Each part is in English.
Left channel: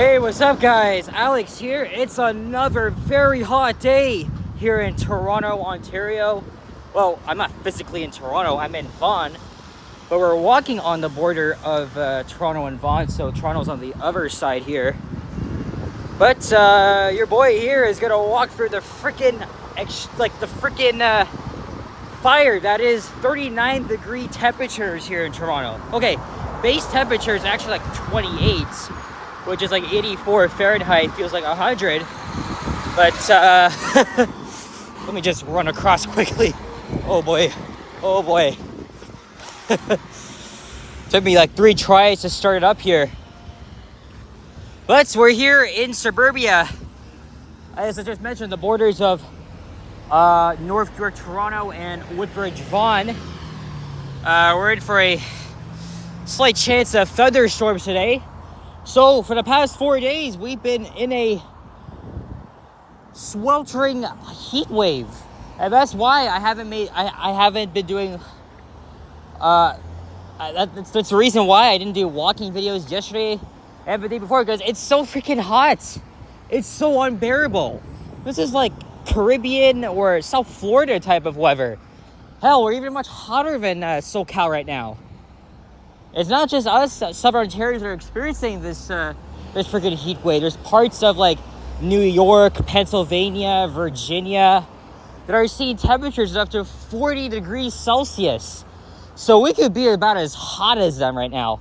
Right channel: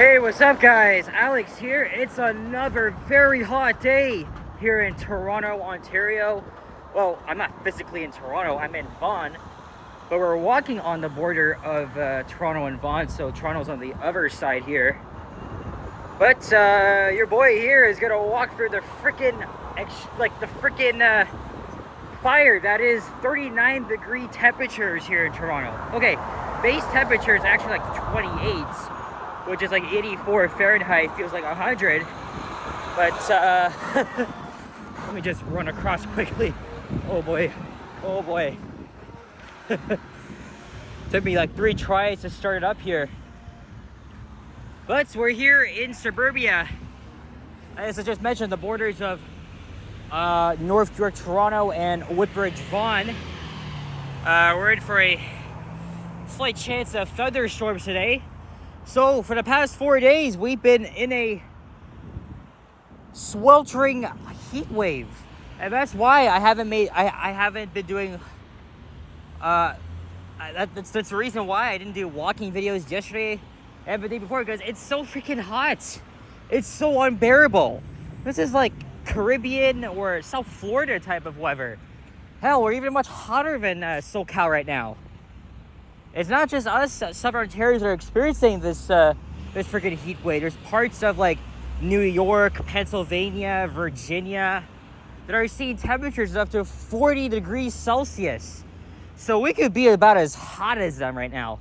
Hey, what's up guys? Alex here. It's another very hot day here in Toronto, Ontario. Well, I'm not physically in Toronto, I'm in Vaughan, but we're walking on the border of Toronto and Vaughan, so Toronto's on the other side here. But your boy here is gonna walk through the freaking fire that is 39-degree temperatures here in Toronto. Okay, base temperature is actually like 28, which is like 84 Fahrenheit, feels like 100. But let me just run across quickly. Oh boy, oh boy. Took me like 3 tries to start it up here. But we're here in suburbia. As I just mentioned, the borders of North York, Toronto and Woodbridge, Vaughan. We're in for a slight chance of thunderstorms today. So for the past 4 days, we've been in a sweltering heat wave, and that's why I haven't been doing. That's the reason why I didn't do walking videos yesterday and the day before, because it's so freaking hot. It's so unbearable. This is like Caribbean or South Florida type of weather. Hell, we're even much hotter than SoCal right now. It's not just us Southern Ontarians that are experiencing this freaking heat wave. There's parts of like New York, Pennsylvania, Virginia that are seeing temperatures up to 40 degrees Celsius. So we could be about as hot as them right now.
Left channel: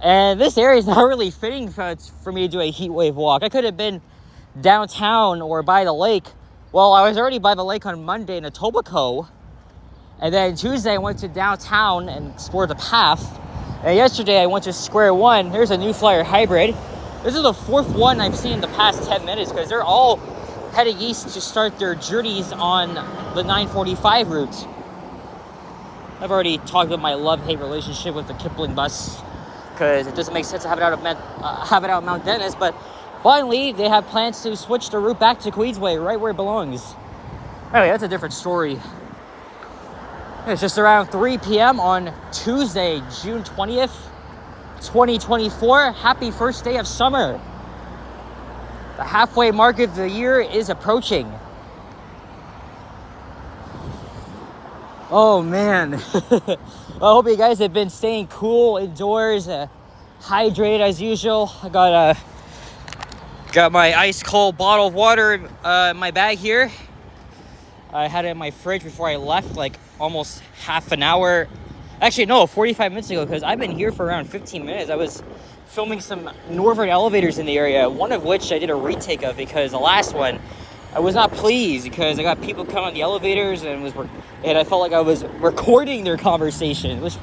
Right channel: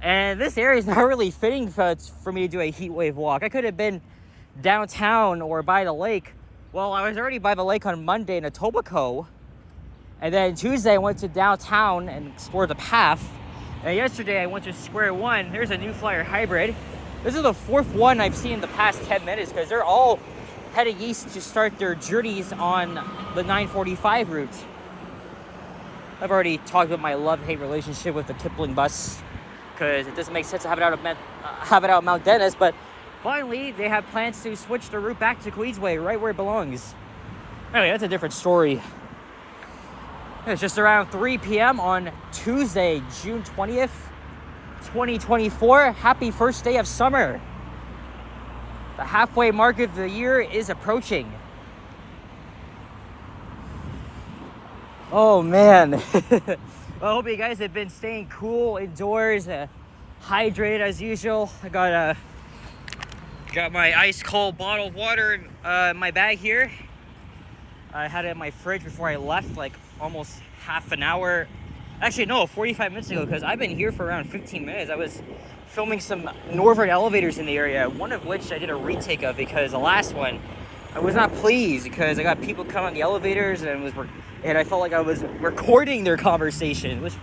And this area is not really fitting for me to do a heat wave walk. I could have been downtown or by the lake. Well, I was already by the lake on Monday in Etobicoke. And then Tuesday I went to downtown and explored the path. And yesterday I went to Square One. There's a New Flyer hybrid. This is the 4th one I've seen in the past 10 minutes because they're all heading east to start their journeys on the 945 route. I've already talked about my love-hate relationship with the Kipling bus because it doesn't make sense to have it out of Mount Dennis, but finally they have plans to switch the route back to Queensway, right where it belongs. Anyway, that's a different story. It's just around 3 p.m. on Tuesday, June 20th, 2024. Happy first day of summer. The halfway mark of the year is approaching. Oh man. I hope you guys have been staying cool indoors, hydrated as usual. I got my ice cold bottle of water in my bag here. I had it in my fridge before I left, like almost half an hour. Actually, no, 45 minutes ago, because I've been here for around 15 minutes. I was filming some northern elevators in the area, one of which I did a retake of because the last one, I was not pleased because I got people coming on the elevators and I felt like I was recording their conversation, which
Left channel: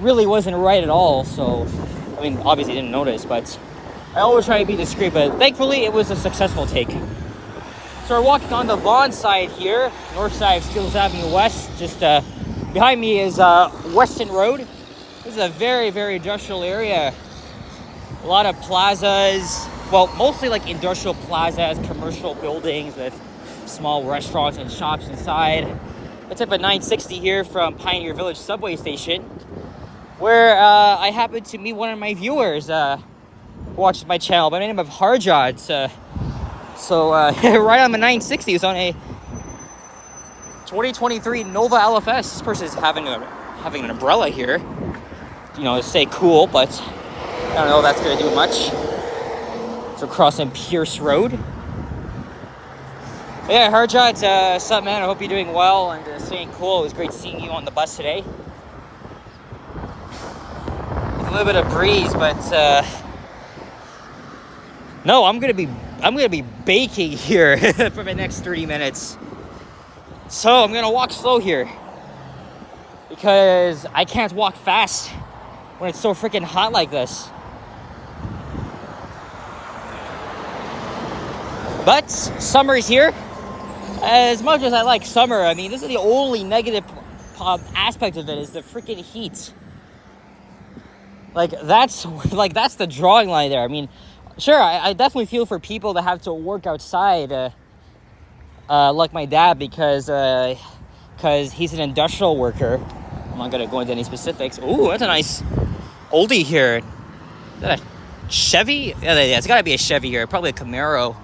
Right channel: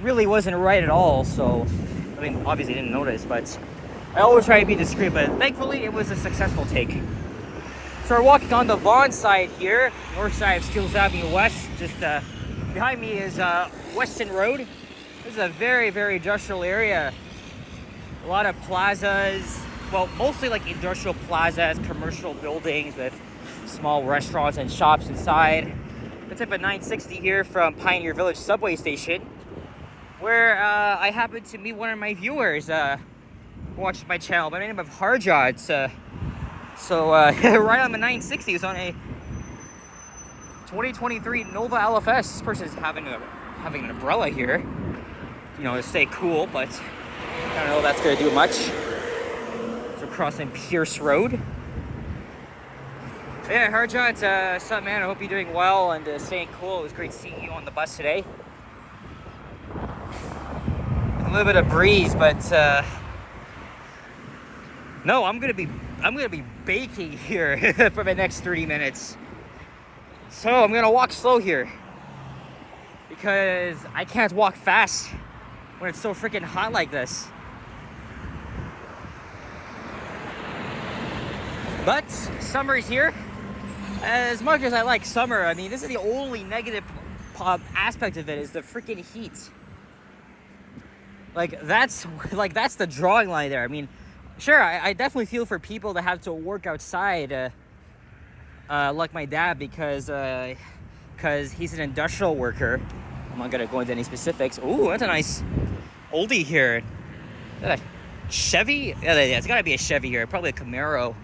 really wasn't right at all. So, I mean, obviously didn't notice, but I always try to be discreet, but thankfully it was a successful take. So we're walking on the Vaughan side here, north side of Steeles Avenue West. Just behind me is Weston Road. This is a very, very industrial area. A lot of plazas, well, mostly like industrial plazas, commercial buildings with small restaurants and shops inside. I took a 960 here from Pioneer Village subway station, where I happened to meet one of my viewers who watches my channel by the name of Harjot. So right on the 960, it was on a 2023 Nova LFS. This person is having an umbrella here, you know, to stay cool, but I don't know if that's gonna do much. So crossing Pierce Road. Yeah, Harjot, what's up, man? I hope you're doing well and staying cool. It was great seeing you on the bus today. A little bit of breeze, but no, I'm gonna be baking here for the next 30 minutes. So I'm gonna walk slow here because I can't walk fast when it's so freaking hot like this. But summer is here. As much as I like summer, I mean, this is the only negative aspect of it is the freaking heat. That's the drawing line there. I mean, sure, I definitely feel for people that have to work outside, like my dad, because he's an industrial worker. I'm not gonna go into any specifics. Ooh, that's a nice oldie here. Is that a Chevy? Yeah, it's gotta be a Chevy here. Probably a Camaro.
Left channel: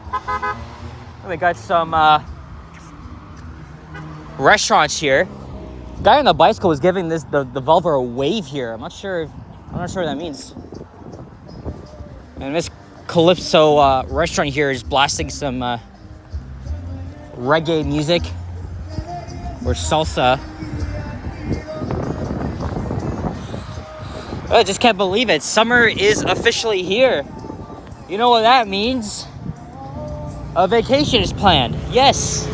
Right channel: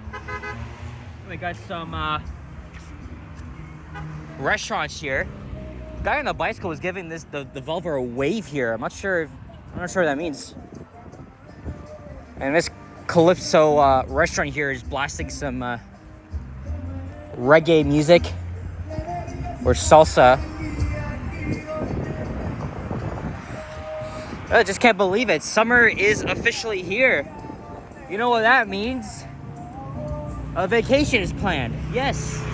We got some restaurants here. Guy on the bicycle was giving the Volvo a wave here. I'm not sure what that means. And this Calypso restaurant here is blasting some reggae music or salsa. I just can't believe it. Summer is officially here. You know what that means? A vacation is planned. Yes.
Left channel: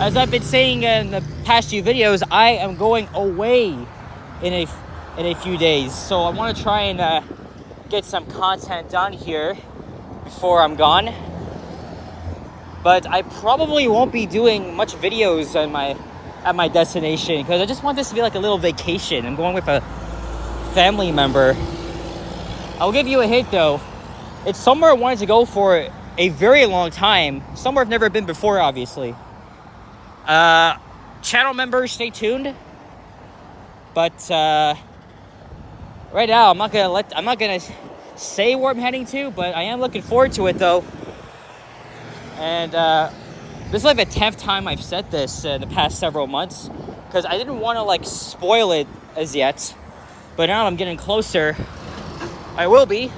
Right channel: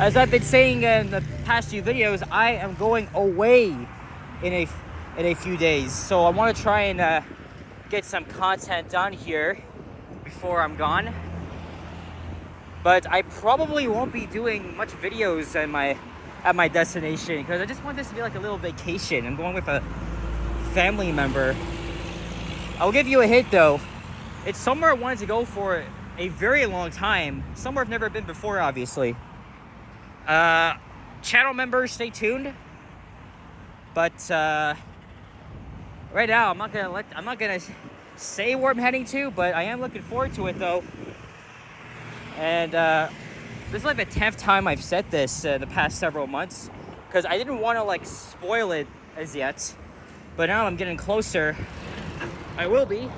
As I've been saying in the past few videos, I am going away in a few days. So I want to try and get some content done here before I'm gone. But I probably won't be doing much videos at my destination because I just want this to be like a little vacation. I'm going with a family member. I'll give you a hint though. It's somewhere I wanted to go for a very long time. Somewhere I've never been before, obviously. Channel members, stay tuned. But right now, I'm not gonna say where I'm heading to, but I am looking forward to it though. And this is like the 10th time I've said this in the past several months because I didn't want to like spoil it as yet. But now I'm getting closer. I will be.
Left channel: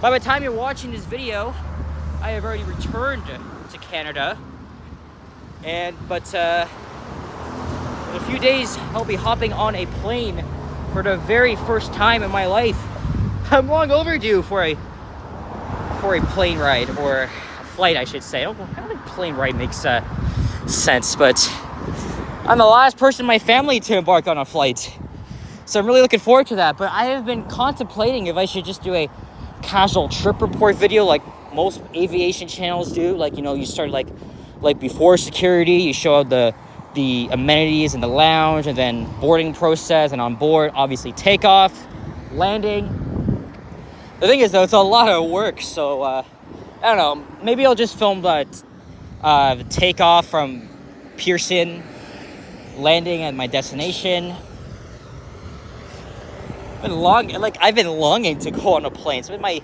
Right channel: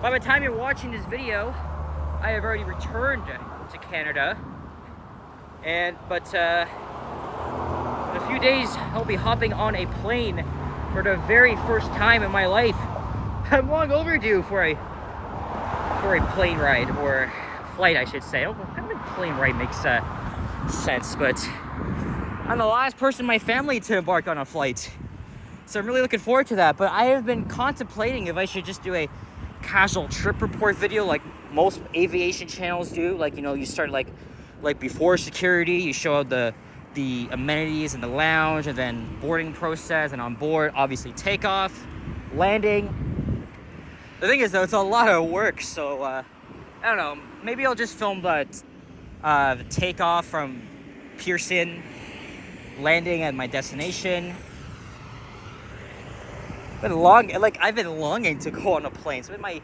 By the time you're watching this video, I have already returned to Canada. But in a few days, I'll be hopping on a plane for the very first time in my life. I'm long overdue for a plane ride, or a flight, I should say. I don't think plane ride makes sense, but I'm the last person in my family to embark on a flight. So I'm really looking forward to that. But I have been contemplating if I should just do a casual trip report video like most aviation channels do. Like, you know, you start like before security, you show the amenities in the lounge, and then boarding process, and on board, obviously takeoff, landing. The thing is though, it's a lot of work. So I don't know, maybe I'll just film the takeoff from Pearson, landing at my destination. I've been longing to go on a plane. It's been my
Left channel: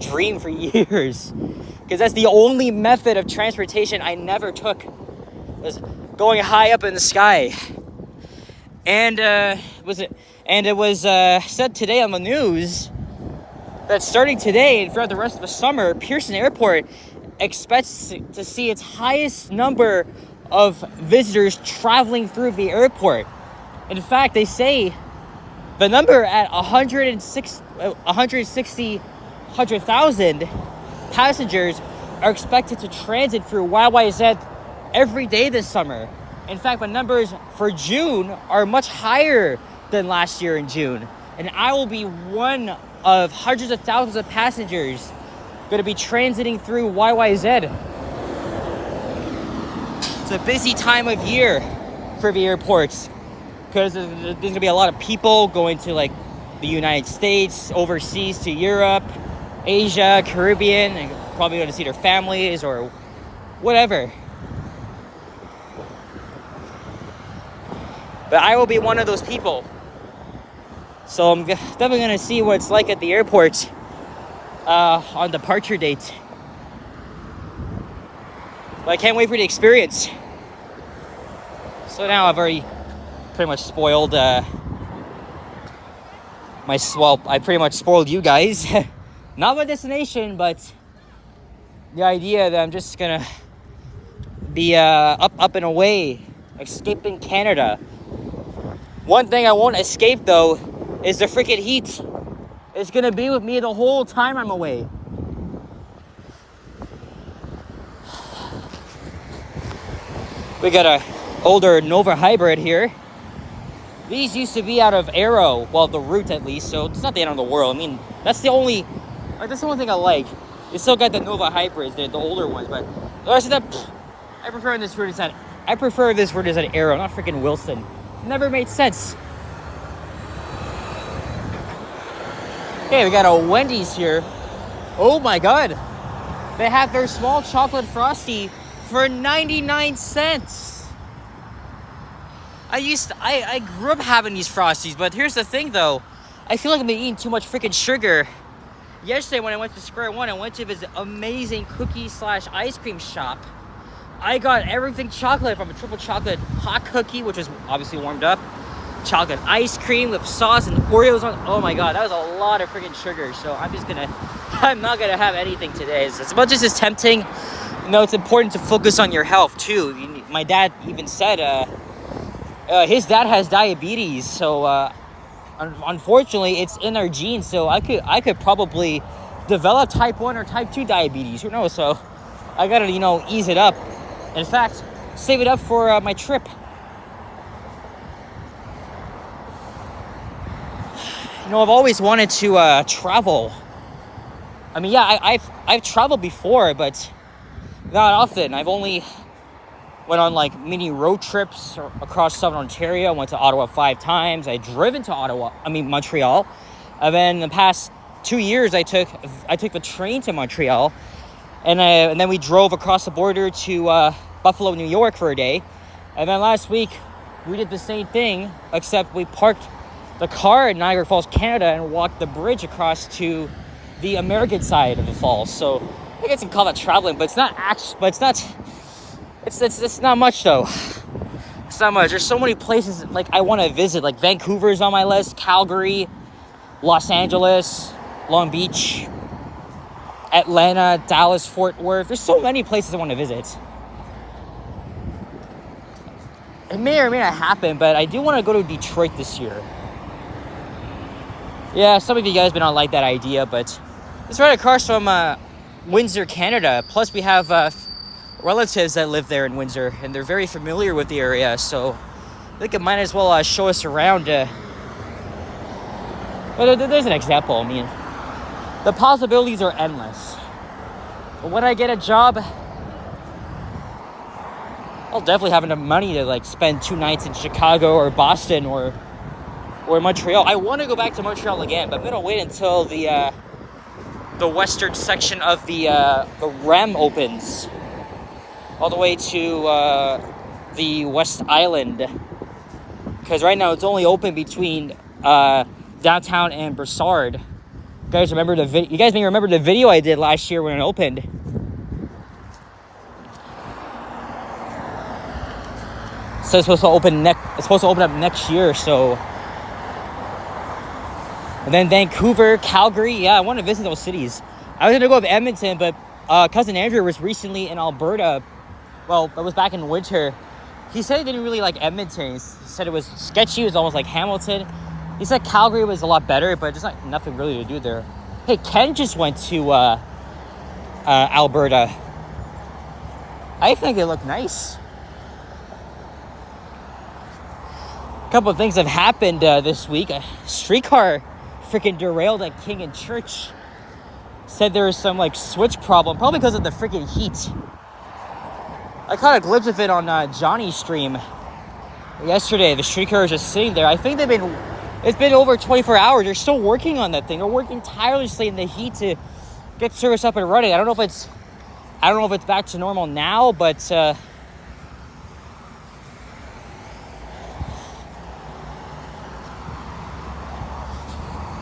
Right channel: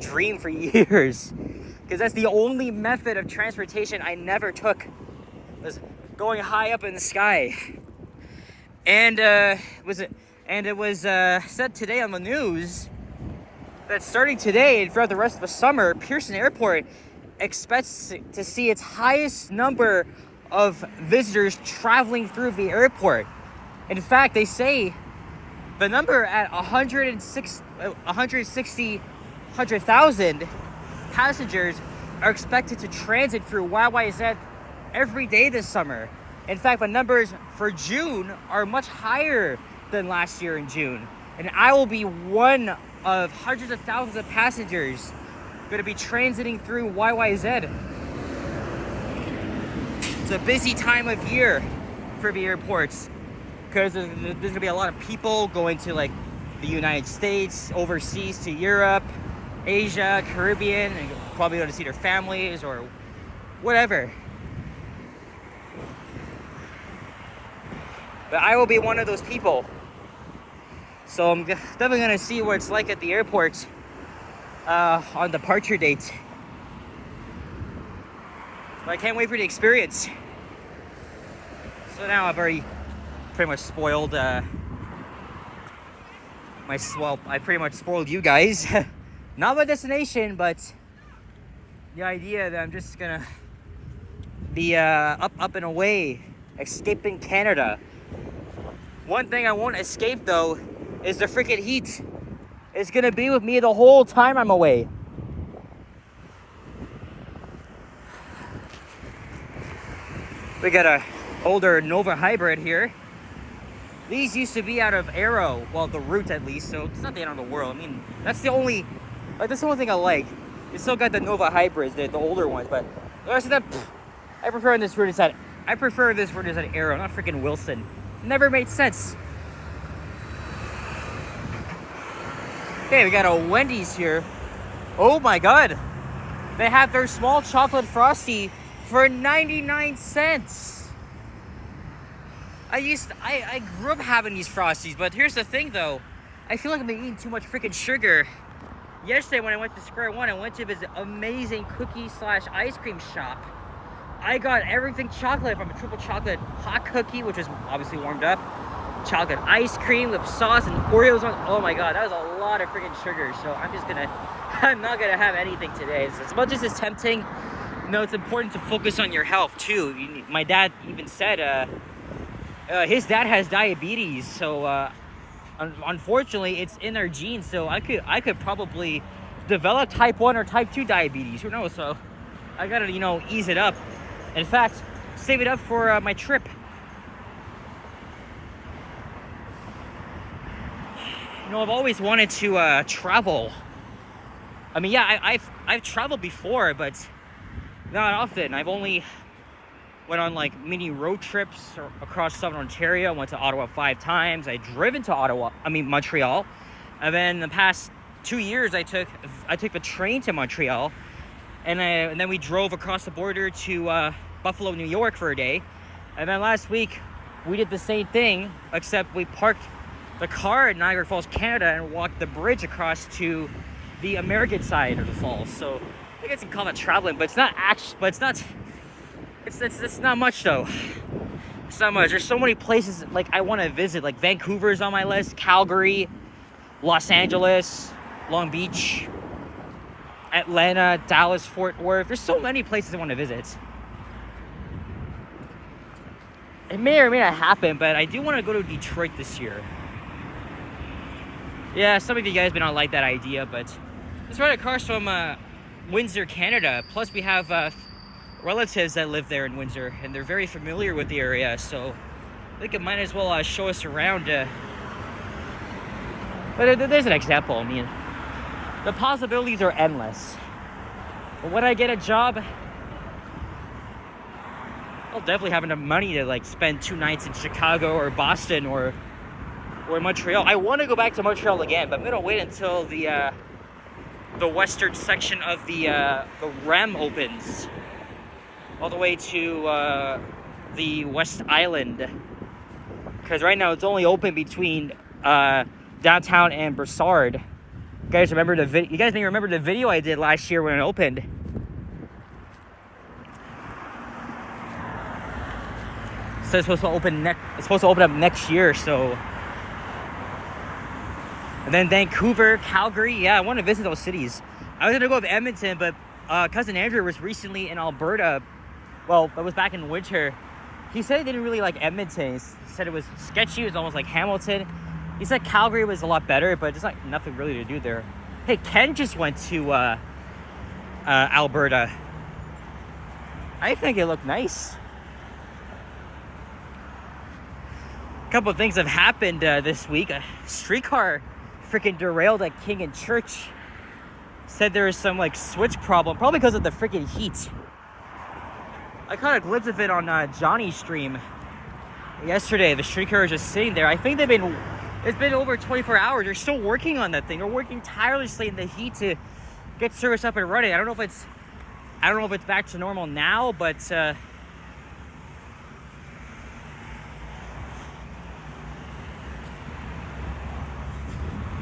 dream for years, because that's the only method of transportation I never took, was going high up in the sky. And it was said today on the news that starting today and throughout the rest of the summer, Pearson Airport expects to see its highest number of visitors traveling through the airport. In fact, they say the number at 100,000 passengers are expected to transit through YYZ every day this summer. In fact, the numbers for June are much higher than last year in June. And I will be one of hundreds of thousands of passengers going to be transiting through YYZ. It's a busy time of year for the airports, because there's going to be a lot of people going to like the United States, overseas to Europe, Asia, Caribbean, and probably going to see their families or whatever. But I will be one of those people. So I'm definitely going to see what it's like at the airport on departure date. But I can't wait for the experience. So now I've already pretty much spoiled I pretty much spoiled you guys. Not my destination, but the idea that I'm just gonna be up and away, escaping Canada. One thing I won't escape though is the freaking heat. It's gonna be with me the whole time I'm away. We got a older Nova hybrid here. These used to be out of Aero, well, the Root at least, so it's not the end of the world. I mean, that's the only thing I like. You still got the Nova hybrids, the older ones, but the rest of them, I prefer this Root is at Aero, not freaking Wilson. Never made sense. Okay, we got a Wendy's here. Oh my god. They have their small chocolate frosty for 99 cents. I grew up having these Frosties, but here's the thing though. I feel like I've been eating too much freaking sugar. yesterday when I went to Square One, I went to this amazing cookie slash ice cream shop. I got everything chocolate, from a triple chocolate hot cookie, which was obviously warmed up, chocolate ice cream with sauce and Oreos on. Oh my god, that was a lot of freaking sugar. So I'm not gonna have anything today. As much as it's tempting, you know, it's important to focus on your health too. My dad even said his dad has diabetes, so unfortunately it's in our genes. So I could probably develop type 1 or type 2 diabetes. Who knows? So I gotta, you know, ease it up. In fact, save it up for my trip. You know, I've always wanted to travel. I mean, yeah, I've traveled before, but not often. I've only went on like mini road trips across Southern Ontario. Went to Ottawa 5 times. I driven to Montreal, and then the past 2 years I took the train to Montreal, and then we drove across the border to Buffalo, New York for a day, and then last week we did the same thing, except we parked the car in Niagara Falls, Canada, and walked the bridge across to the American side of the falls. So I guess you can call that traveling, but it's not it's not much though. It's not much. There's so many places like I want to visit. Like Vancouver's on my list, Calgary, Los Angeles, Long Beach, Atlanta, Dallas, Fort Worth. There's so many places I want to visit. It may or may not happen, but I do want to go to Detroit this year. Yeah, some of you guys may not like that idea, but it's right across from Windsor, Canada. Plus, we have relatives that live there in Windsor, and they're very familiar with the area, so I think it might as well show us around. But there's an example. I mean, the possibilities are endless. But when I get a job, I'll definitely have enough money to like spend 2 nights in Chicago or Boston or Montreal. I want to go back to Montreal again, but I'm gonna wait until the western section of the REM opens, all the way to the West Island. Because right now it's only open between downtown and Brossard. You guys may remember the video I did last year when it opened. So it's supposed to open up next year. So, and then Vancouver, Calgary. Yeah, I want to visit those cities. I was gonna go with Edmonton, but cousin Andrew was recently in Alberta. Well, it was back in winter. He said he didn't really like Edmonton. He said it was sketchy. It was almost like Hamilton. He said Calgary was a lot better, but there's like nothing really to do there. Hey, Ken just went to Alberta. I think it looked nice. A couple of things have happened this week. A streetcar freaking derailed at King and Church. Said there was some like switch problem, probably because of the freaking heat. I caught a glimpse of it on Johnny's stream yesterday. The streetcar is just sitting there. I think it's been over 24 hours. They're still working on that thing. They're working tirelessly in the heat to get service up and running. I don't know if it's back to normal now, but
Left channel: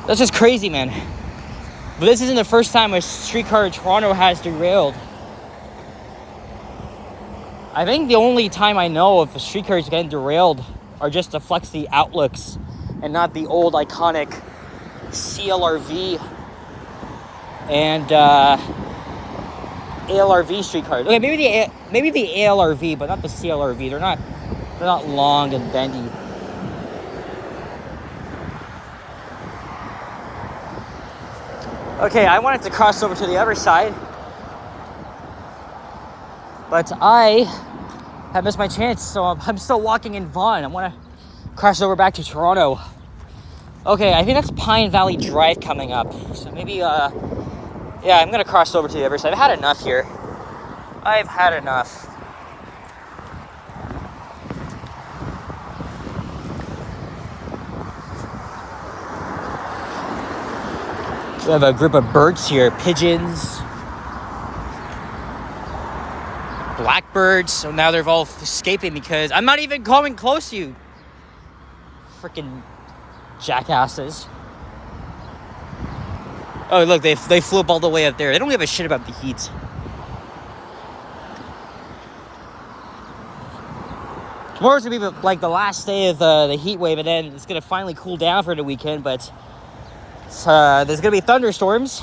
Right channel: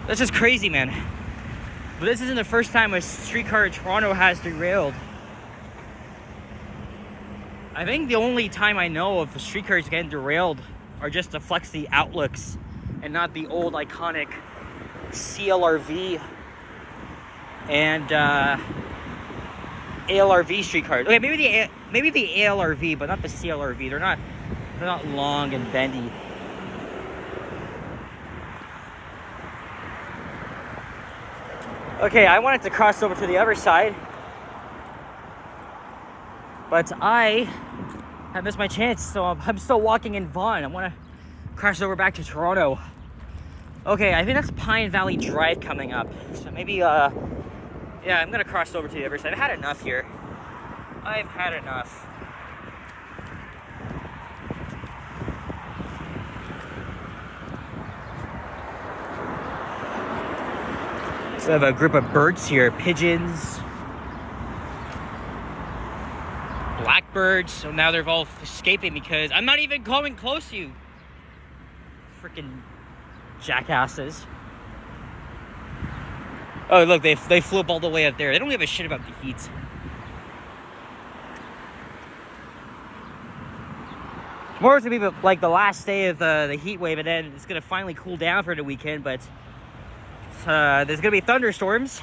that's just crazy, man. But this isn't the first time a streetcar in Toronto has derailed. I think the only time I know of a streetcar is getting derailed are just to flex the outlooks and not the old iconic CLRV and ALRV streetcars. Okay, maybe the ALRV, but not the CLRV. They're not long and bendy. Okay, I wanted to cross over to the other side, but I have missed my chance, so I'm still walking in Vaughan. I want to cross over back to Toronto. Okay, I think that's Pine Valley Drive coming up, so maybe, yeah, I'm going to cross over to the other side. I've had enough here. I've had enough. We have a group of birds here, pigeons, blackbirds. So now they're all escaping because I'm not even coming close to you. Freaking jackasses. Oh, look, they flew up all the way up there. They don't give a shit about the heat. Tomorrow's gonna be like the last day of the heat wave, and then it's gonna finally cool down for the weekend. But there's gonna be thunderstorms.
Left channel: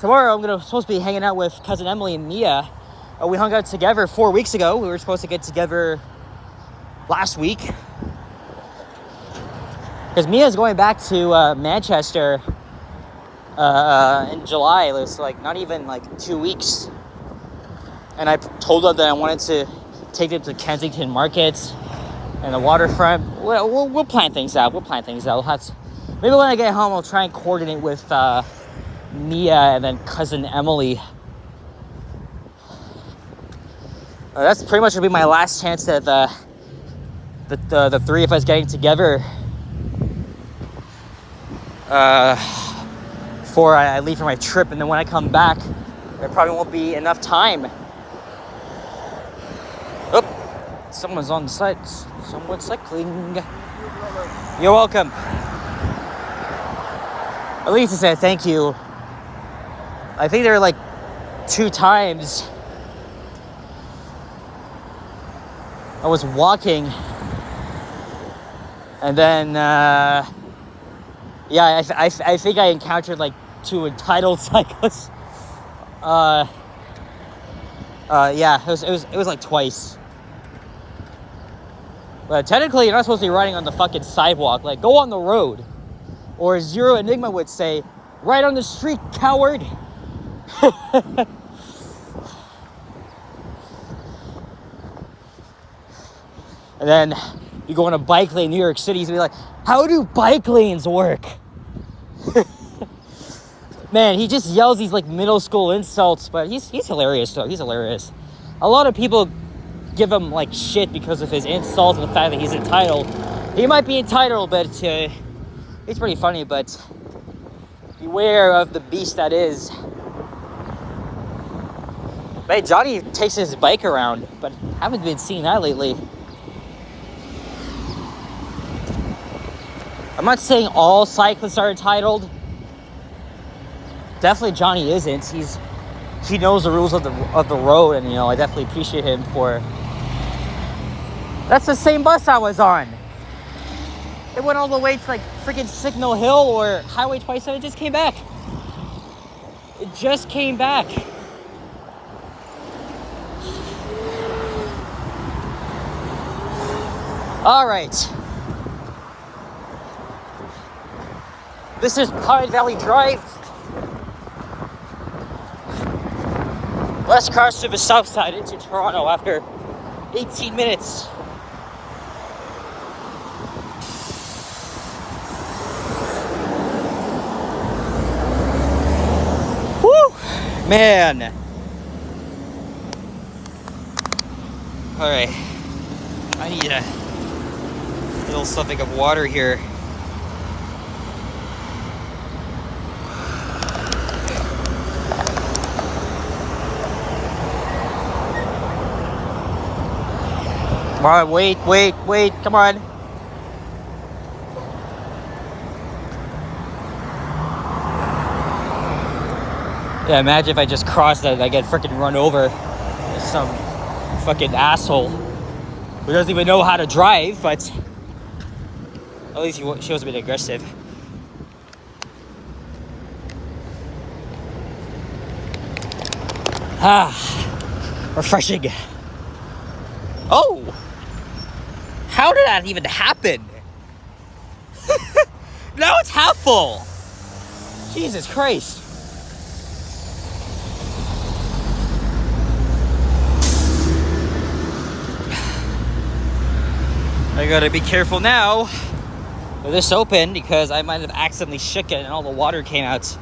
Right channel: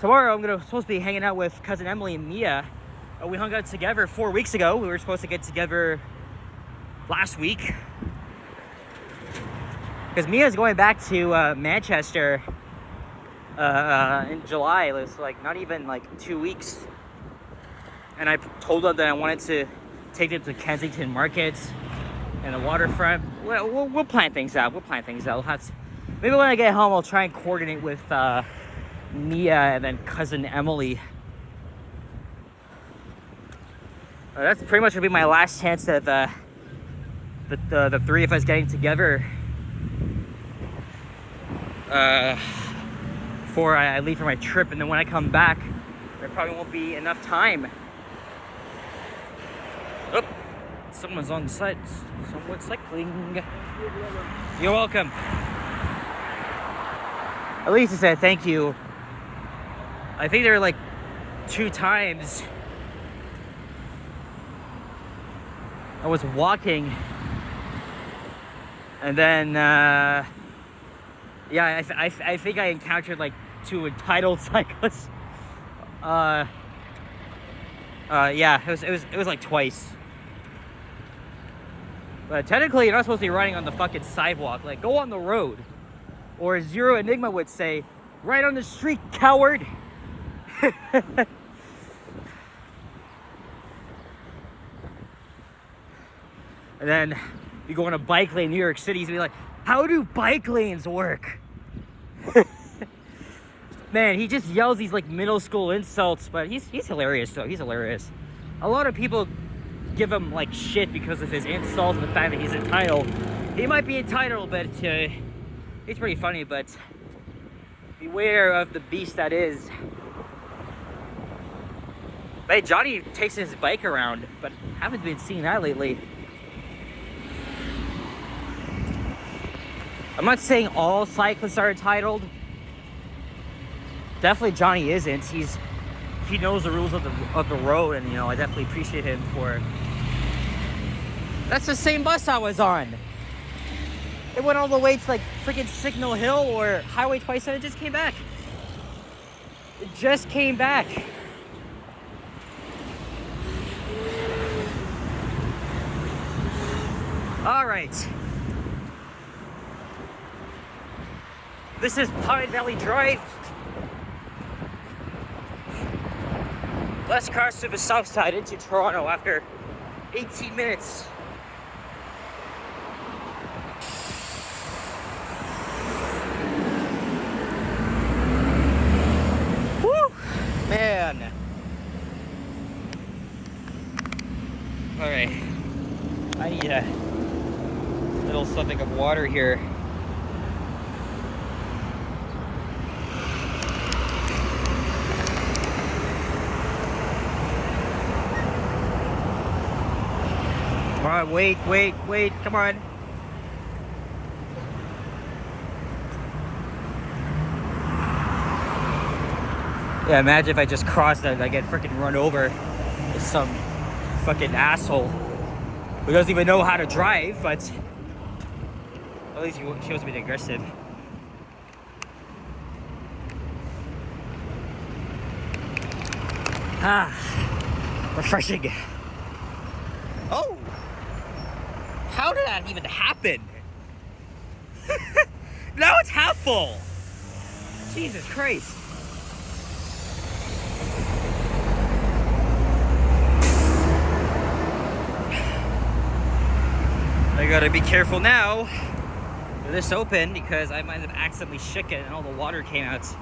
Tomorrow, I'm supposed to be hanging out with cousin Emily and Mia. We hung out together 4 weeks ago. We were supposed to get together last week because Mia's going back to Manchester in July. It was like not even like 2 weeks, and I told them that I wanted to take them to Kensington Market and the waterfront. We'll plan things out. Maybe when I get home, I'll try and coordinate with Mia and then cousin Emily. That's pretty much gonna be my last chance at the three of us getting together before I leave for my trip. And then when I come back, there probably won't be enough time. Oh, someone's on the side. Someone's cycling. You're welcome. At least to say thank you. I think there are like 2 times I was walking, and then yeah, I think I encountered like 2 entitled cyclists. Yeah, it was like twice. But technically, you're not supposed to be riding on the fucking sidewalk. Like, go on the road. Or as Zero Enigma would say, ride on the street, coward. And then you go on a bike lane in New York City, you'd be like, how do bike lanes work? Man, he just yells these like middle school insults, but he's hilarious though. He's hilarious. A lot of people give him like shit because of his insults and the fact that he's entitled. He might be entitled, but he's pretty funny. But beware of the beast that is. Hey, Johnny takes his bike around, but haven't been seeing that lately. I'm not saying all cyclists are entitled. Definitely Johnny isn't. He knows the rules of the road, and I definitely appreciate him for. That's the same bus I was on. It went all the way to like freaking Signal Hill or Highway 27. It just came back. It just came back. All right. This is Pine Valley Drive. Less cars to the south side into Toronto after 18 minutes. Woo! Man. All right. I need a little something of water here. Come on, wait, come on. Yeah, imagine if I just crossed that, I get freaking run over with some fucking asshole who doesn't even know how to drive, but at least he shows a bit aggressive. Refreshing. Oh! How did that even happen? Now it's half full. Jesus Christ. I gotta be careful now with this open because I might have accidentally shook it and all the water came out.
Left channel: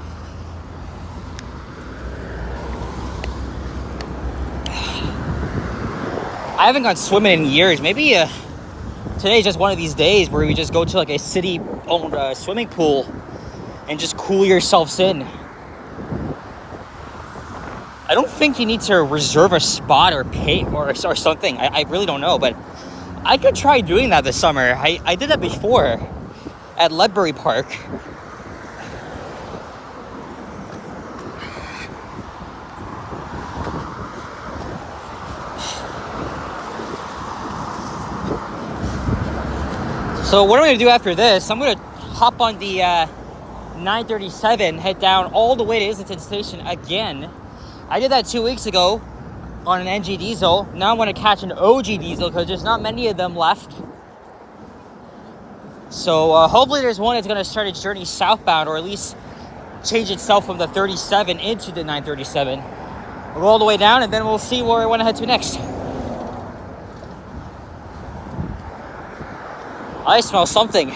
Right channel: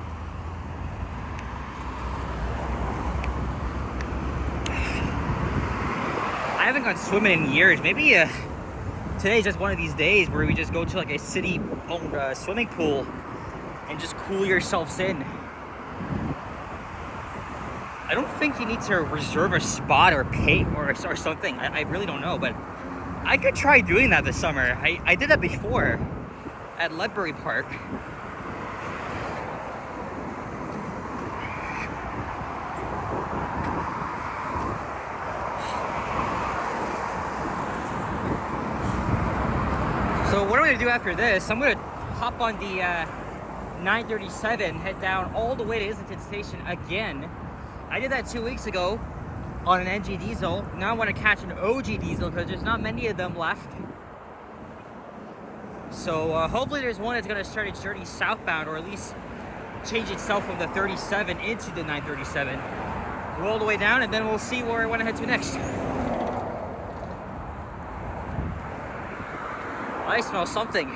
I haven't gone swimming in years. Maybe today's just one of these days where we just go to like a city-owned swimming pool and just cool yourselves in. I don't think you need to reserve a spot or pay or something. I really don't know, but I could try doing that this summer. I did that before at Ledbury Park. So what I'm gonna do after this, I'm gonna hop on the 937, head down all the way to Islington Station again. I did that 2 weeks ago on an NG diesel. Now I want to catch an OG diesel because there's not many of them left. So hopefully there's one that's going to start its journey southbound, or at least change itself from the 37 into the 937. We'll go all the way down and then we'll see where I want to head to next. I smell something.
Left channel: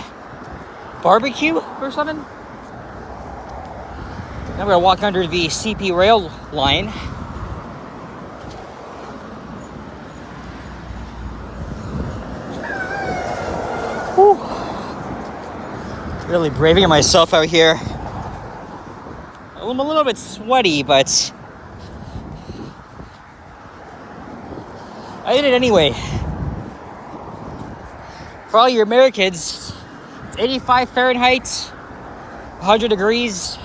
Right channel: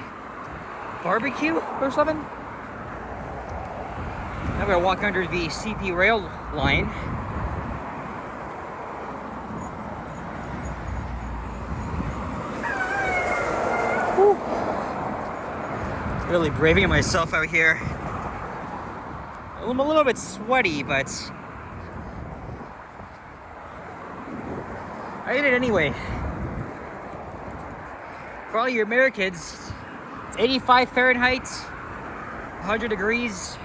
Barbecue or something? Now we're going to walk under the CP rail line. Whew. Really braving myself out here. I'm a little bit sweaty, but I did it anyway. For all your Americans, it's 85 Fahrenheit, 100 degrees.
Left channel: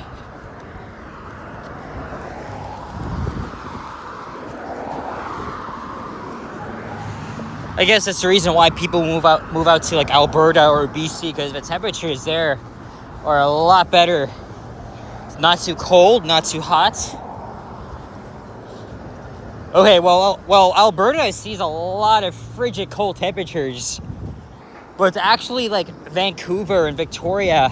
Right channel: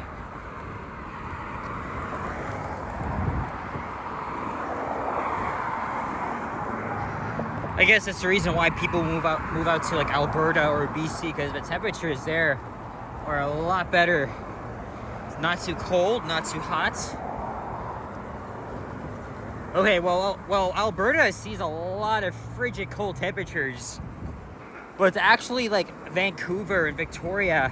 I guess that's the reason why people move out to like Alberta or BC, because the temperatures there are a lot better. It's not too cold, not too hot. Okay, well, Alberta sees a lot of frigid cold temperatures, but it's actually like Vancouver and Victoria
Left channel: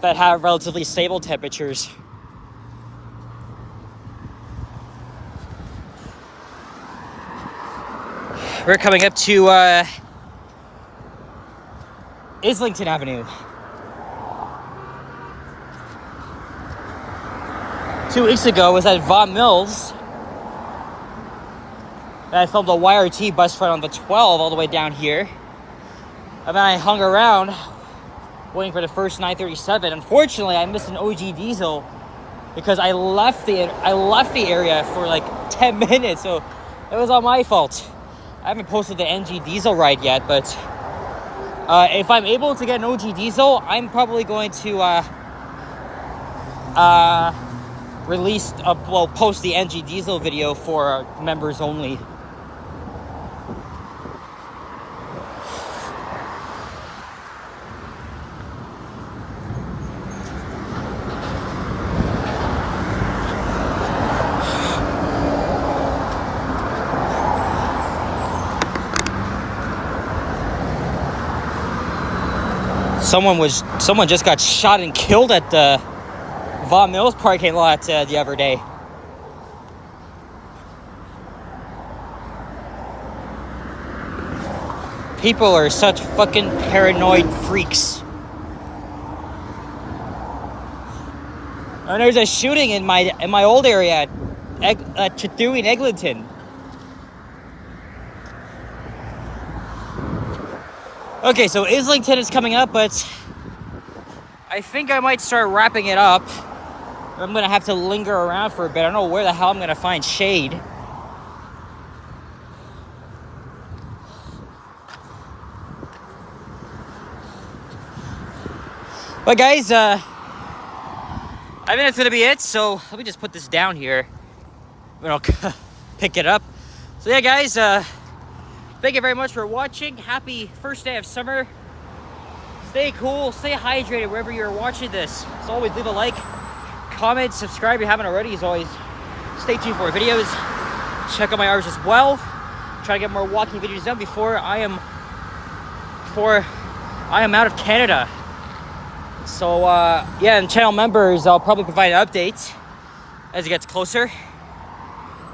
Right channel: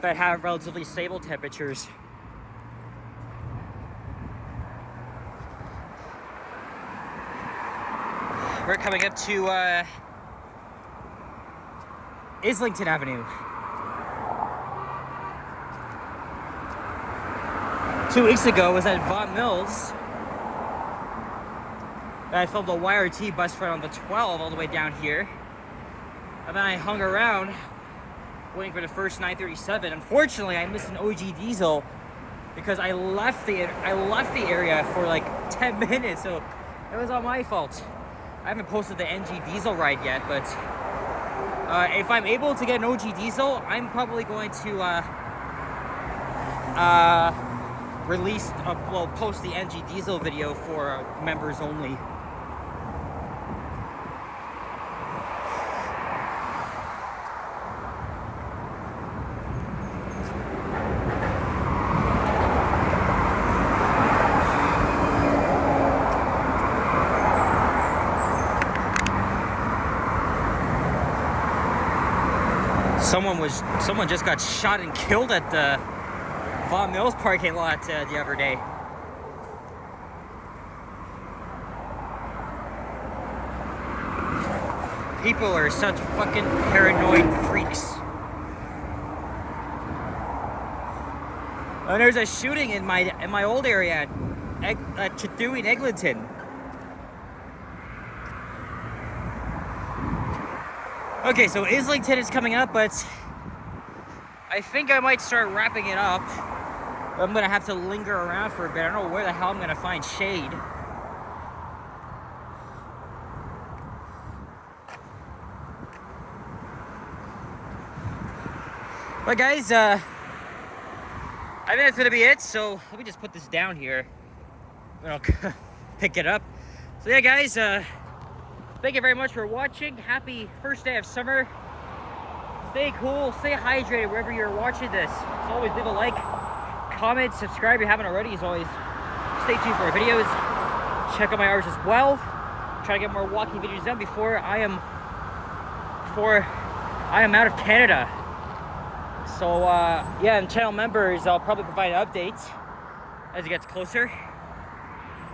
that have relatively stable temperatures. We're coming up to Islington Avenue. 2 weeks ago was at Vaughan Mills. And I filmed a YRT bus ride on the 12 all the way down here. And then I hung around waiting for the first 937. Unfortunately, I missed an OG diesel because I left the area for like 10 minutes, so it was all my fault. I haven't posted the NG diesel ride yet, but if I'm able to get an OG diesel, I'm probably going to post the NG diesel video for members only. Someone just got shot and killed at the Vaughan Mills parking lot the other day. People are such fucking paranoid freaks. And there's a shooting in my old area at Chithu in Eglinton. Okay, so Islington is coming up, but I think I might start wrapping it up. I'm gonna have to linger around for a bit. I don't know where the hell I'm gonna find shade. But guys, I think that's gonna be it. So let me just put this down here. I'll pick it up. So yeah, guys, thank you very much for watching. Happy first day of summer. Stay cool, stay hydrated wherever you're watching this. As always, leave a like, comment, subscribe if you haven't already. As always, stay tuned for videos. Check out my hours as well. Try to get more walking videos done before I am out of Canada. So yeah, and channel members, I'll probably provide an update as it gets closer.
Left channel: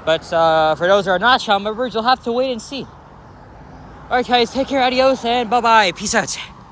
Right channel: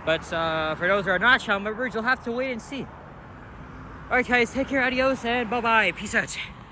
But for those who are not channel members, you'll have to wait and see. Alright guys, take care, adios, and bye-bye. Peace out.